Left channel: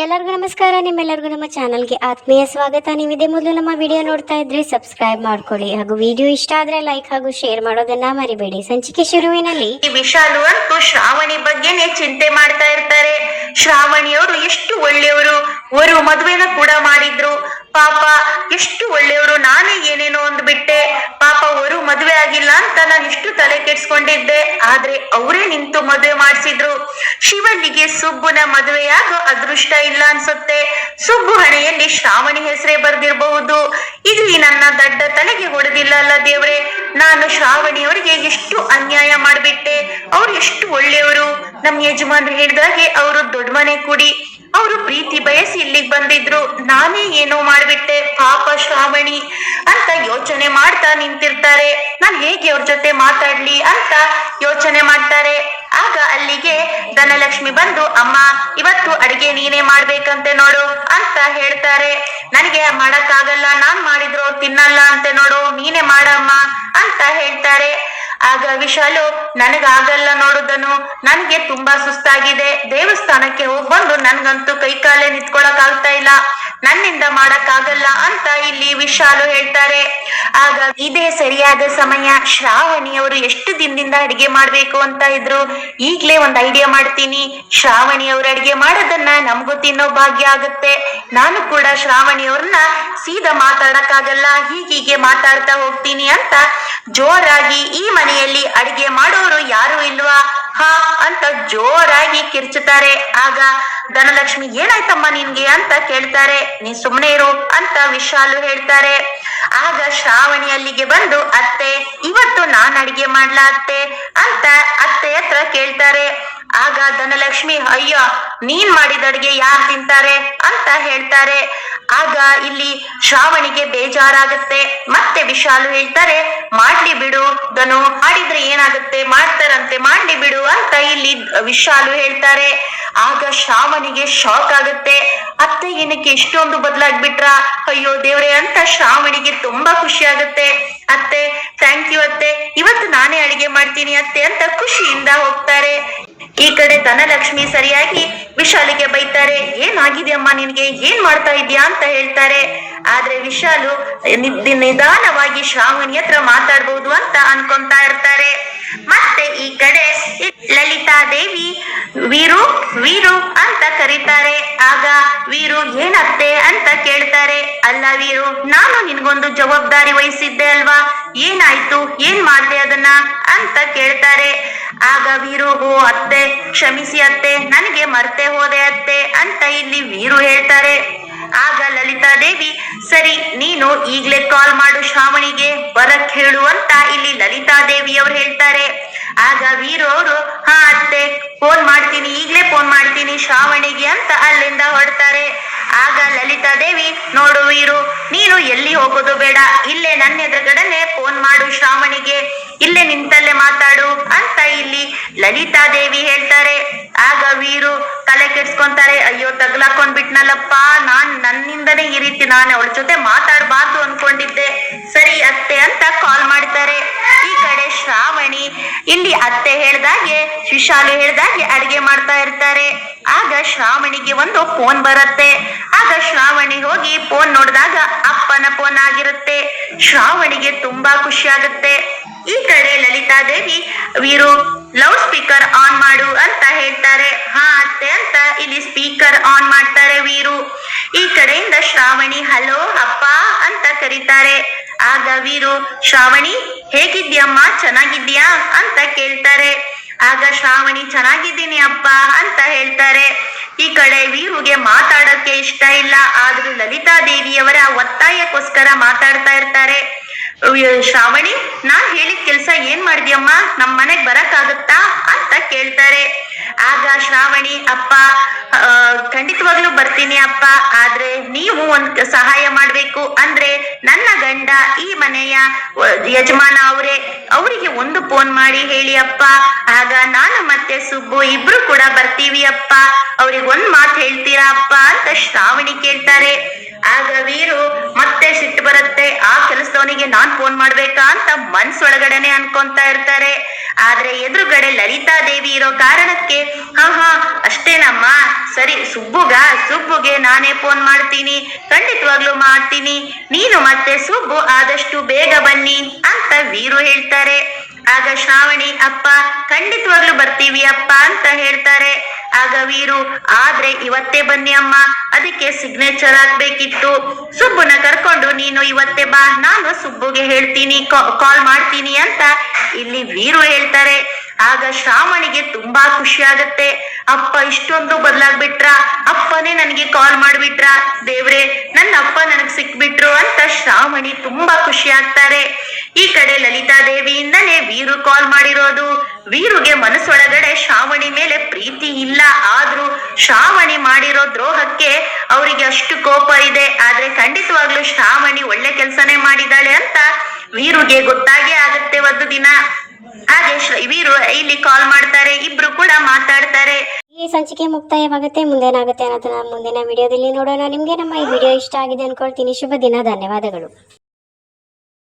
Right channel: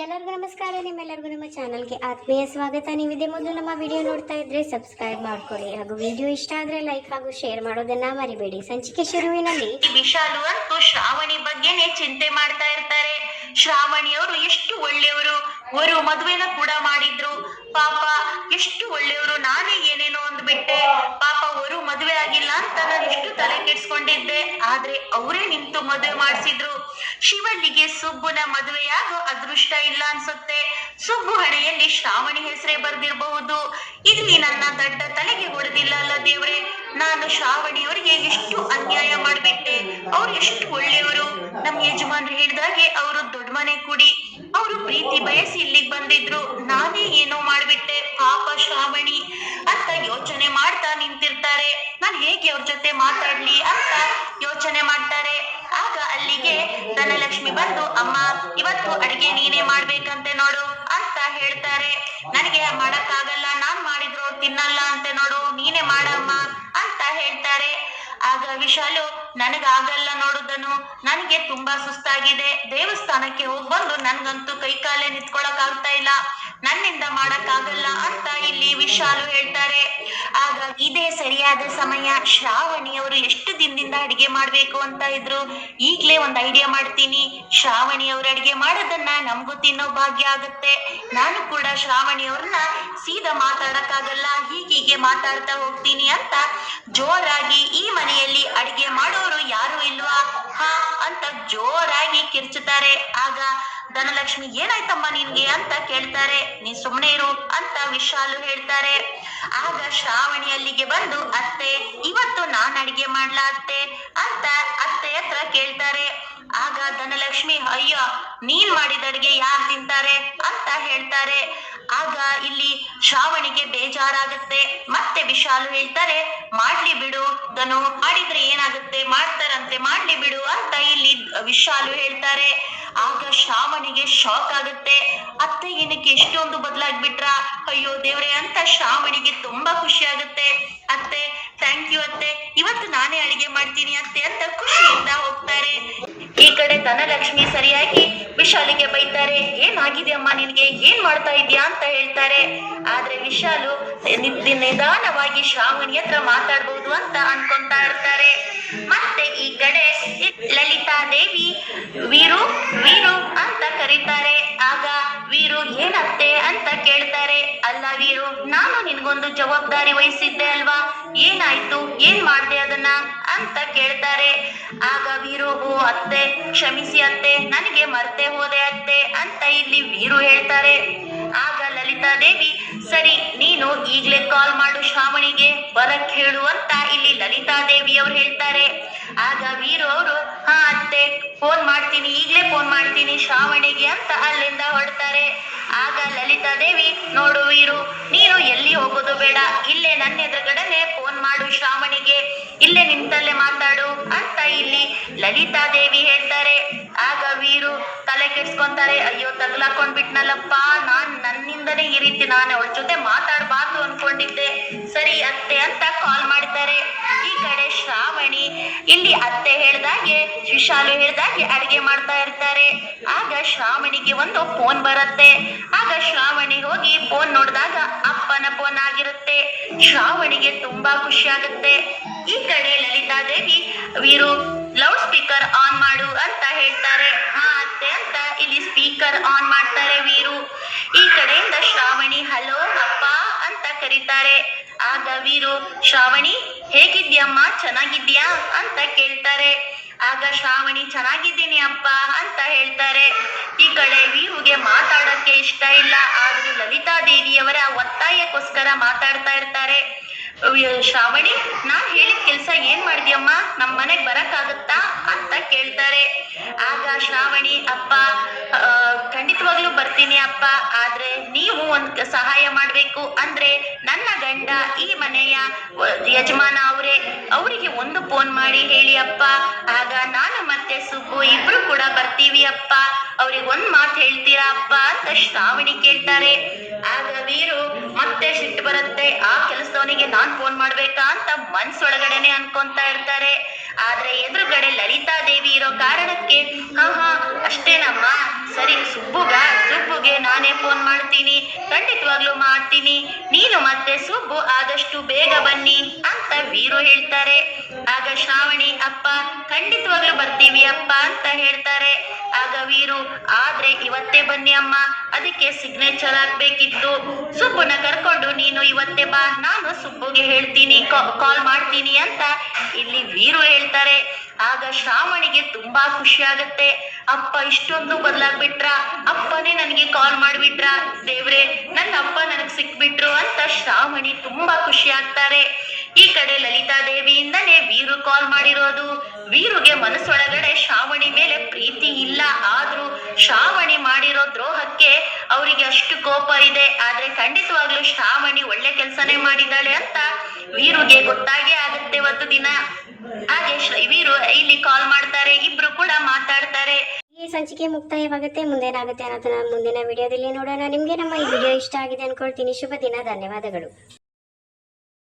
ಎಲ್ಲರಿಗೂ ನಮಸ್ಕಾರ. ನಿಮ್ಮೆಲ್ಲರಿಗೂ ನಮ್ಮ ಚಾನಲ್ಗೆ ಆತ್ಮೀಯ ಸ್ವಾಗತ. ನೀವಿದೇ ಮೊದಲು ನಮ್ಮ ವಿಡಿಯೋ ನೋಡ್ತಾ ಇದ್ರೆ ಸಬ್ಸ್ಕ್ರೈಬ್ ಮಾಡ್ಕೊಳ್ಳಿ ಹಾಗೂ ವಿಡಿಯೋ ಇಷ್ಟ ಆದ್ರೆ ಲೈಕ್ ಹಾಗೂ ಶೇರ್ ಮಾಡೋದನ್ನ ಮರಿಬೇಡಿ. ಸಂಚಿಕೆ ಶುರುವಿನಲ್ಲಿ ವಿಶಾಲು ಅಂತೂ ಶ್ರಾವಣಿ ಬಗ್ಗೆನೇ ಚಿಂತೆ ಮಾಡ್ತಾ ಇರ್ತಾರೆ. ಶ್ರಾವಣಿಯವರು ಎಷ್ಟು ಒಳ್ಳೆಯವರು, ಅವರು ಮದುವೆನ ಕೂಡ ಮಾಡಿದ್ರು. ಪಾಪ ಎಷ್ಟು ಒಳ್ಳೆಯವರು, ನಾನೇ ಏನೇನೋ ಅಂದ್ಬಿಟ್ಟೆ. ಪಾಪ ಅವರು ಮದುವೆ ಆಗಿಲ್ಲ ಅಂತ ನಾನು ಇಷ್ಟು ತಲೆ ಕೆಡ್ಸ್ಕೊಂಡಿದ್ದೆ. ಆದ್ರೆ ಅವರೇ ನಿಂತು ಮದುವೆ ಮಾಡಿಸಿದ್ರು. ಶಿವಲ್ಲಿಗೆ ಸುಬ್ಬುನ ಮದುವೆಯಾಗೋ ಅದೃಷ್ಟ ಇಲ್ಲ ಅನ್ಸುತ್ತೆ. ಸುಬ್ಬು ಹಣೆಯಲ್ಲಿ ಶ್ರಾವಣಿ ಹೆಸರೇ ಬರ್ದಿರಬಹುದು. ಇಲ್ಲಿ ನನ್ನ ದಡ್ಡ ತಲೆಗೆ ಹೊಡೆದಿಲ್ಲ ಅಲ್ಲ ದೇವ್ರೆ. ನಾನು ಶ್ರಾವಣಿಯವರಿಗೆ ಎಷ್ಟು ಅನ್ಯಾಯ ಮಾಡ್ಬಿಟ್ಟೆ. ಅವ್ರು ಎಷ್ಟು ಒಳ್ಳೆಯವರು. ನಮ್ ಯಜಮಾನ್ರು ಹೇಳಿದಾಗೆ ಅವರು ದೊಡ್ಡ ಮನೆ ಕುಡಿ, ಅವರು ಪ್ರೀತಿ ಬಯಸಿ ಇಲ್ಲಿಗೆ ಬಂದಿದ್ರು. ನಾನೇ ಏನೋ ಮಾಡ್ಬಿಟ್ಟೆ. ಪಾಪ ಶ್ರಾವಣಿ ಅಂತ ಯೋಚನೆ ಮಾಡ್ತಾ ನಿಂತಿರ್ತಾರೆ. ನಾನ್ ಹೇಗೆ ಅವ್ರ ಜೊತೆ ಮಾತಾಡ್ಲಿ ಅಂತ ಯೋಚನೆ ಮಾಡ್ತಾರೆ. ಆಗ ಅಲ್ಲಿಗೆ ಧನಲಕ್ಷ್ಮಿ ಬಂದು, ಅಮ್ಮ ಇವತ್ತು ಅಡಿಗೆ ನೀನೇ ಮಾಡ್ಬೇಕಂತೆ ನೋಡು ಅಂತ ಹೇಳ್ತಾರೆ. ನನಗೆ ಮಾಡಕ್ಕಾಗಲ್ಲ, ನಾನ್ ಮಾಡಿದ್ರು ಅವ್ರು ತಿನ್ನಲ್ಲ ಅಂತೆ ನೋಡು, ನೀನೇ ಮಾಡಮ್ಮ ಅಂತ ಹೇಳ್ತಾರೆ. ಆಗ ವಿಶಾಲು, ನನಗಾಗಲ್ಲ ನೋಡುದನು, ನನ್ಗೆ ತುಂಬಾ ಸುಸ್ತಾಗಿದೆ. ದೇವಸ್ಥಾನಕ್ಕೆ ಹೋಗಿ ಬಂದು ನನ್ಗಂತೂ ಕೈ ಕಾಲೇ ನಿಂತ್ಕೊಳಕ್ ಆಗ್ತಾ ಇಲ್ಲ, ನನ್ನಿಂದ ಮಾಡಕ್ ಆಗಲ್ಲ ಅಂತ ಇಲ್ಲಿ ವಿಶಾಲು ಹೇಳ್ತಾರೆ. ಆಗ ಇದೇ ಸರಿಯಾದ ಸಮಯ. ಶ್ರಾವಣಿ ಅವರು ಎಷ್ಟು ದಿನದಿಂದ ಅಡಿಗೆ ಮಾಡ್ಬೇಕು ಅಂತ ಇದ್ರು. ಈಗ್ಲೇ ಒಂದ್ ಐಡಿಯಾ ಮಾಡ್ತೀನಿ. ಶ್ರಾವಣಿ ಅವ್ರ ಅಡಿಗೆ ಮಾಡೋದನ್ನ ನಮಗೂ ತಿನ್ನೋ ಭಾಗ್ಯ ಆಗುತ್ತೆ. ನಾನು ಕೂಡ ಶ್ರಾವಣಿ ಅವ್ರನ್ನ ಸೀದಾ ಮಾತಾಡಕ್ಕಾಗಲ್ಲ, ಹೀಗೀಗೆ ಮಾತಾಡ್ತಾ ಹೋಗ್ತೀನಿ ಅಂತ ಜೋರಾಗಿ, ಈ ಮನೆಯಲ್ಲಿ ಅಡಿಗೆ ಮಾಡೋರು ಯಾರು ಇಲ್ವಾ ಹಾ ಅಂತ ಜೋರಾಗಿ ಕಿರ್ಚುತ್ತಾರೆ. ಆಗ ಧನಲಕ್ಷ್ಮಿ, ಏನಾಯ್ತಮ್ಮ ನಿನ್ಗೆ ಅಂತ ಕೇಳ್ತಾರೆ. ನೀ ಸುಮ್ನೆ ಇರು ಅಂತ ವಿಶಾಲು ಹೇಳ್ತಾರೆ. ಆಗ ಶ್ರಾವಣಿ ಅಲ್ಲಿಗೆ ಬಂದು, ಅತ್ತೆ ಇವತ್ತು ನಾನ್ ಅಡಿಗೆ ಮಾಡ್ಲಾ ಅತ್ತೆ ಅಂತ ಅತ್ತೆ ಹತ್ರ ಕೇಳ್ತಾರೆ. ಆಗ ಧನಲಕ್ಷ್ಮಿ, ಅಯ್ಯ ನೀನ್ ಮಾಡಿದ ಅಡಿಗೆ ಯಾರು ತಿಂತಾರೆ ಅಂತ ಹೇಳ್ತಾರೆ. ಆಗ ಇಲ್ಲಿ ಶ್ರಾವಣಿಗೆ ಬೇಜಾರಾಗುತ್ತೆ. ಮತ್ತೆ ವಿಶಾಲು ಹೇಳ್ತಾರೆ, ಮಾಡ್ಲಿ ಬಿಡು ಧನು, ಮಾಡಿದ್ರೆ ಏನಾಗುತ್ತೆ, ಮಾಡ್ತಾರಂತೆ, ಮಾಡ್ಲಿ ಬಿಡು ಅಂತ ಇಲ್ಲಿ ವಿಶಾಲು ಹೇಳ್ತಾರೆ. ಆಗ ಶ್ರಾವಣಿಗೆ ಶಾಕ್ ಆಗುತ್ತೆ. ಅತ್ತೆ ಏನಕ್ಕೆ ಇಷ್ಟೊಂದು ಬದಲಾಗ್ಬಿಟ್ರ, ಅಯ್ಯೋ ದೇವ್ರೆ ಅಂತ ಶ್ರಾವಣಿಗೆ ತುಂಬಾ ಖುಷಿ ಆಗುತ್ತೆ. ಅತ್ತೆ ಥ್ಯಾಂಕ್ ಯು ಅತ್ತೆ, ಇವತ್ತು ನಾನೇ ಅಡಿಗೆ ಮಾಡ್ತೀನಿ ಅತ್ತೆ ಅಂತ ಖುಷಿಯಿಂದ ಹೋಗ್ತಾರೆ. ಈ ಕಡೆ ಧನಲಕ್ಷ್ಮಿ ಸರಿಯಾಗಿ ವಿಶಾಲಿಗೆ ಬೈತಾರೆ. ಏನಾಗಿದೆ ಅಮ್ಮ ನಿನ್ಗೆ, ಏನ್ ಮಾಡ್ತಾ ಇದ್ಯಾ ಅಂತ ಹೇಳ್ತಾರೆ. ಆದ್ರೆ ವಿಶಾಲು ನಿಧಾನವಾಗಿ ಶ್ರಾವಣಿ ಹತ್ರ ಮಾತಾಡ್ಬೋದು ಅಂತ ಅನ್ಕೊಂತಾ ಇರ್ತಾರೆ. ಮತ್ತೆ ಈ ಕಡೆ ಲಲಿತಾ ದೇವಿ ವೀರು ವೀರು ಅಂತ ಕರೀತಾರೆ. ಆಗ ವೀರು, ಏನತ್ತೆ ಅಂತ ಕೇಳ್ತಾರೆ. ಅಲ್ಲ ವೀರು, ನಾನು ನಿನ್ಗೊಂದು ಜವಾಬ್ದಾರಿ ವಹಿಸಿದ್ದೆ ಅಲ್ವಾ, ಏನಾಯ್ತು, ಏನ್ ಮಾಡ್ದೆ ಅದನ್ನ ಅಂತ ಕೇಳ್ತಾರೆ. ಆಗ ವೀರು, ಓ ಅತ್ತೆ ಕ್ಷಮಿಸಿ ಅತ್ತೆ, ನನಗೆ ಮರ್ತೆ ಹೋದೆ ಅತ್ತೆ ಅಂತ ಇಲ್ಲಿ ವೀರು ಹೇಳ್ತಾರೆ. ಆಗ ಲಲಿತಾ ದೇವಿ, ಸರಿ ನೀನು ಈಗ್ಲೇ ಕಾಲ್ ಮಾಡು ಶ್ರಾವಣಿಗೆ ಬರಕ್ ಹೇಳು ಅಂತ ಇಲ್ಲಿ ಲಲಿತಾ ದೇವಿ ಅವ್ರು ಹೇಳ್ತಾರೆ. ಆಗ ವೀರು ಅವರು, ಹಾ ಅತ್ತೆ ಫೋನ್ ಮಾಡ್ತೀನಿ, ಈಗ್ಲೇ ಫೋನ್ ಮಾಡ್ತೀನಿ ಶ್ರಾವಣಿಗೆ ಅಂತ ಅಲ್ಲಿಂದ ಹೊರಡ್ತಾರೆ. ಆಗ ಲಲಿತಾ ದೇವಿ, ನೋಡು ವೀರು, ನೀನು ಎಲ್ಲಿ ಹೋಗೋದು ಬೇಡ, ಇಲ್ಲೇ ನನ್ನ ಎದುರುಗಡೆನೆ ಫೋನ್ ಮಾಡು ಶ್ರಾವಣಿಗೆ, ಇಲ್ಲೇ ನಿಂತಲ್ಲೇ ಮಾತಾಡು ಅಂತ ಇಲ್ಲಿ ಲಲಿತಾ ದೇವಿ ಹೇಳ್ತಾರೆ. ಆಗ ವೀರು ತಲೆ ಕೆಡ್ಸ್ಕೊಂತಾರೆ. ಅಯ್ಯೋ ತಗ್ಲಾಕೊಂಡ್ ಬಿಟ್ನಲ್ಲಪ್ಪ, ನನ್ನಿಂದನೇ ಈ ರೀತಿ ನಾನು ಅವಳ ಜೊತೆ ಮಾತಾಡ್ಬಾರ್ದು ಅನ್ಕೊಂಡಿದ್ದೆ, ಸರಿ ಅತ್ತೆ ಅಂತ ಕಾಲ್ ಮಾಡ್ತಾರೆ. ಈ ಕಡೆ ಶ್ರಾವಣಿ ಇಲ್ಲಿ ಅತ್ತೆ ಹೇಳ್ದಾಗೆ, ವಿಶಾಲು ಹೇಳ್ದಾಗೆ ಅಡಿಗೆ ಮಾಡ್ತಾ ಇರ್ತಾರೆ. ಆಗ ಶ್ರಾವಣಿಗೆ ಒಂದು ಫೋನ್ ಬರುತ್ತೆ. ಆಗ ಶ್ರಾವಣಿ ಹೋಗಿ ಫೋನ್ ನೋಡಿದಾಗ ಅಪ್ಪನ ಫೋನ್ ಆಗಿರುತ್ತೆ. ಶ್ರಾವಣಿಗೆ ತುಂಬಾ ಖುಷಿ ಆಗುತ್ತೆ. ಈ ಕಡೆ ಲಲಿತಾ ದೇವಿ, ವೀರು ಲೌಡ್ ಸ್ಪೀಕರ್ ಆನ್ ಮಾಡು ಅಂತ ಹೇಳ್ತಾರೆ. ಹಾ ಅತ್ತೆ ಅಂತ ಇಲ್ಲಿ ಸ್ಪೀಕರ್ ಆನ್ ಮಾಡ್ತಾರೆ ವೀರು. ಈ ಕಡೆಯಿಂದ ಶ್ರಾವಣಿ, ಹಲೋ ಅಪ್ಪ ಅಂತ ಕರೀತಾರೆ. ಆಗ ವೀರು, ಶ್ರಾವಣಿ ಹೇಗಿದ್ಯಮ್ಮ, ಚೆನ್ನಾಗಿದ್ಯಾ ಅಂತ ಕೇಳ್ತಾರೆ. ಆಗ ಶ್ರಾವಣಿ, ಚೆನ್ನಾಗಿದ್ದೀನಿ ಅಪ್ಪ ಅಂತ ಹೇಳ್ತಾರೆ. ಈ ಕಡೆ ವೀರುಗೆ ಮಾತಾಡಕ್ಕೆ ಇಷ್ಟ ಇಲ್ಲ, ಆದ್ರೂ ಲಲಿತಾ ದೇವಿಯವರ ಒತ್ತಾಯಕ್ಕೋಸ್ಕರ ಮಾತಾಡ್ತಾ ಇರ್ತಾರೆ. ಶ್ರಾವಣಿ, ನಾನ್ ಹೇಳಿದ ಕೆಲ್ಸ ಏನ್ ಮಾಡಿದ್ಯಮ್ಮ, ನಮ್ ಮನೆಗ್ ಬರಕ್ಕಾಗತ್ತಾ ಅಂತ ಕೇಳ್ತಾರೆ. ಆಗ ಶ್ರಾವಣಿ, ಅಪ್ಪ ಖಂಡಿತವಾಗ್ಲೂ ಬರ್ತೀನಿ ಅಪ್ಪ, ಆದ್ರೆ ನೀವು ಒಂದ್ ಸಹಾಯ ಮಾಡ್ಬೇಕು. ಅಂದ್ರೆ ನನ್ನ ಗಂಡ ಈ ಮನೆಯ ಯಜಮಾನ ಅವರಿಗೆ ಒಂದು ಫೋನ್ ಮಾಡಿ ಹೇಳಿ ಅಪ್ಪ, ಆಗ ನಾನು ಮತ್ತೆ ಸುಬ್ಬು ಇಬ್ರು ಕೂಡ ಬರ್ತೀವಿ ಅಪ್ಪ, ಅವ್ರಿಗೆ ಒಂದ್ ಮಾತು ಹೇಳ್ತೀರಾ ಅಪ್ಪ ಅಂತ ಶ್ರಾವಣಿ ಕೇಳ್ತಾರೆ. ಆಗ ವೀರು ಮತ್ತೆ ಸಿಟ್ಟು ಬರುತ್ತೆ. ಆ ಕೆಲಸದವನಿಗೆ ನಾನ್ ಫೋನ್ ಮಾಡ್ಬೇಕಾ ಅಂತ ಮನ್ಸೊಳಗಡೆನೆ ಅನ್ಕೊಂತಾ ಇರ್ತಾರೆ. ಆದ್ರೆ ಎದುರುಗಡೆ ಲಲಿತಾ ದೇವಿ ಇರೋ ಕಾರಣಕ್ಕೆ ಹಾ ಅಷ್ಟೇನಮ್ಮ, ಸರಿ ಸುಬ್ಬುಗೆ ನಾನೇ ಫೋನ್ ಮಾಡ್ತೀನಿ, ಖಂಡಿತವಾಗ್ಲೂ ಮಾಡ್ತೀನಿ, ನೀನು ಮತ್ತೆ ಸುಬ್ಬು ಆದಷ್ಟು ಬೇಗ ಬನ್ನಿ ಅಂತ ವೀರು ಹೇಳ್ತಾರೆ. ಆಗ ಶ್ರಾವಣಿ ಅಪ್ಪ ಖಂಡಿತವಾಗ್ಲೂ ಬರ್ತೀವಿ ಅಪ್ಪ ಅಂತ ಹೇಳ್ತಾರೆ. ಆಗ ವೀರು ಆದ್ರೆ ಇವತ್ತೇ ಬನ್ನಿ ಅಮ್ಮ, ಅದಕ್ಕೆ ಸಿಗ್ನೇಚರ್ ಆಗ್ಬೇಕಿತ್ತು, ಸುಬ್ಬುನ ಕರ್ಕೊಂಡು ನೀನು ಇವತ್ತೇ ಬಾ, ನಾನು ಸುಬ್ಬುಗೆ ಹೇಳ್ತೀನಿ, ಕಾಲ್ ಮಾಡ್ತೀನಿ ಅಂತ ಇಲ್ಲಿ ವೀರು ಹೇಳ್ತಾರೆ. ಆಗ ಶ್ರಾವಣಿಗೆ ತುಂಬಾ ಖುಷಿ ಆಗುತ್ತೆ. ಅಪ್ಪ ಇಷ್ಟೊಂದು ಬದಲಾಗ್ಬಿಟ್ರ, ಅಪ್ಪನೇ ನನಗೆ ಕಾಲ್ ಮಾಡ್ಬಿಟ್ರ, ದೇವ್ರೆ ನನ್ನ ಅಪ್ಪ ನನಗ್ ಸಿಕ್ಬಿಟ್ರು ಅಂತ ಶ್ರಾವಣಿ ತುಂಬಾ ಖುಷಿ ಆಗ್ತಾರೆ. ಈ ಕಡೆ ಲಲಿತಾ ದೇವಿಯಿಂದನೇ ವೀರು ಕಾಲ್ ಮಾಡಿರೋದು. ವೀರುಗೆ ಮನಸ್ಸೊಳಗಡೆ ಶ್ರಾವಣಿ ಮೇಲೆ ಪ್ರೀತಿ ಇಲ್ಲ, ಆದ್ರೂ ಶ್ರಾವಣಿ ಮಾಡಿರೋ ದ್ರೋಹಕ್ಕೆ ಅವರಿಗೆ ಅಷ್ಟು ಕೋಪ ಇದೆ. ಆದ್ರೆ ಖಂಡಿತವಾಗ್ಲೂ ಶ್ರಾವಣಿ ಒಳ್ಳೆ ಕೆಲ್ಸನೇ ಮಾಡಿದಾಳೆ ಅಂತ ವೀರುಗೆ ಗೊತ್ತಾಗೇ ಆಗುತ್ತೆ ಒಂದು ದಿನ. ಹಾಗೆ ವೀರು ಇಲ್ಲಿ ಕಾಲ್ ಮಾಡ್ತಾರೆ, ಇಬ್ರು ಕೂಡ ಮಾತಾಡ್ತಾರೆ. ಈ ಸಂಚಿಕೆ ಮುಕ್ತಾಯವಾಗುತ್ತೆ. ಮುಂದೇನಾಗುತ್ತೆ ಅನ್ನೋದನ್ನ ಮುಂದಿನ ವಿಡಿಯೋದಲ್ಲಿ ನೋಡೋಣ. ನಿಮ್ಗೆ ನಮ್ಮ ಈ ವಿಡಿಯೋ ಇಷ್ಟ ಆಗಿದೆ ಅನ್ಕೊಳ್ತೀನಿ. ಶುಭ ದಿನ, ಧನ್ಯವಾದಗಳು.